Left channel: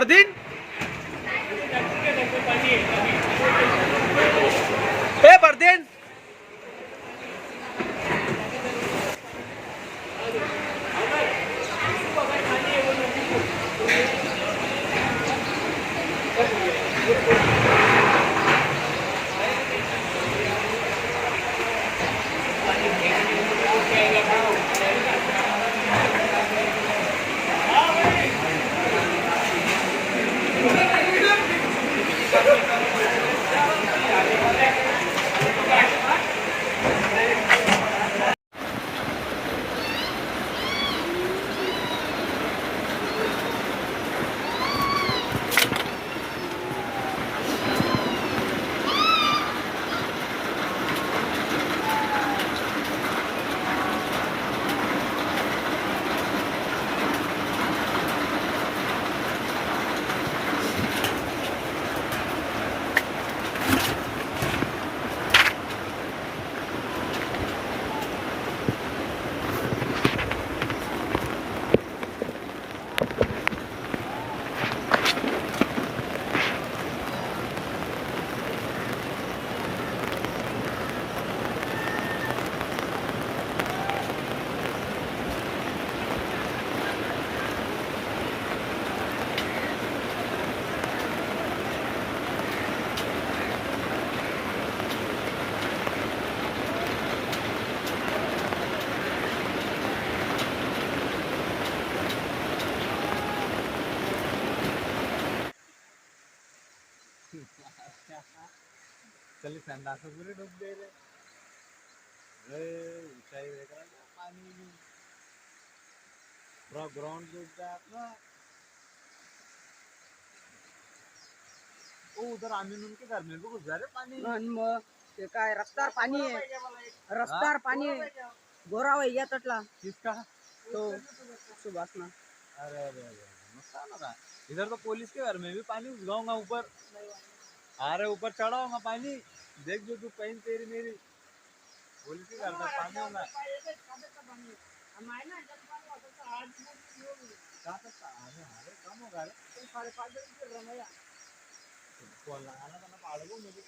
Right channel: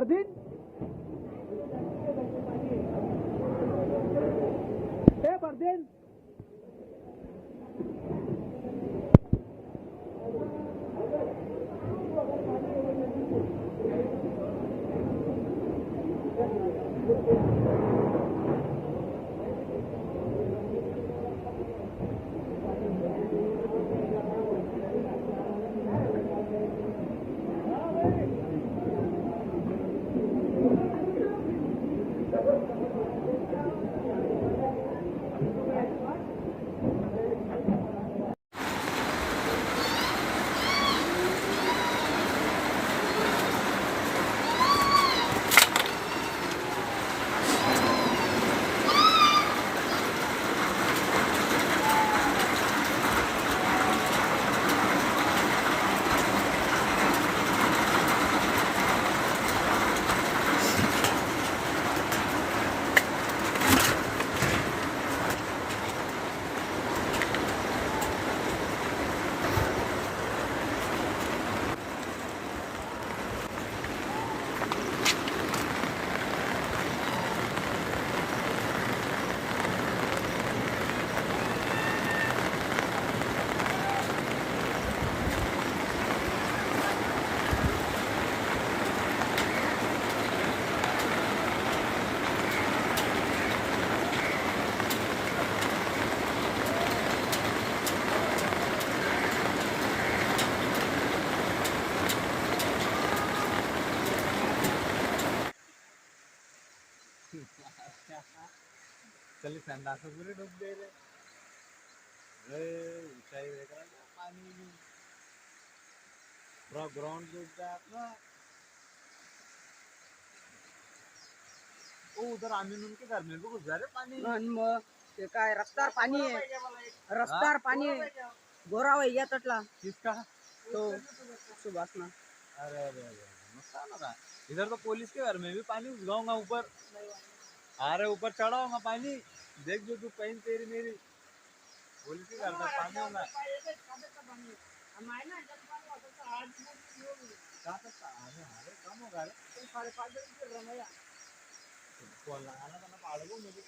परदीन ए परदीन चल संडास पूरे डूब गए रे ऊंचाई देख रहा है पानी पूरा ग्राउंड डूब गया अपना उधर आमीन उनके घर में भी घुस जा रहे पानी ते काय रस्त्यावर पाणी आहे रस्त्यावर पाणी आहे गोरा वैया तटला किसका तो सुभाष ना अरे अरे अरे नुकसान होगा इधर तो पुलिस के घर में भी पानी घुस जाऊंगा ऊपर अरे ऊपर चढ़ा होगा पानी देख जो तू कहीं तेरी मेरी पुलिस के घर में पानी होगा कम होगा रे 5.5 कॉल लगाना था ना पाड़ को मुझे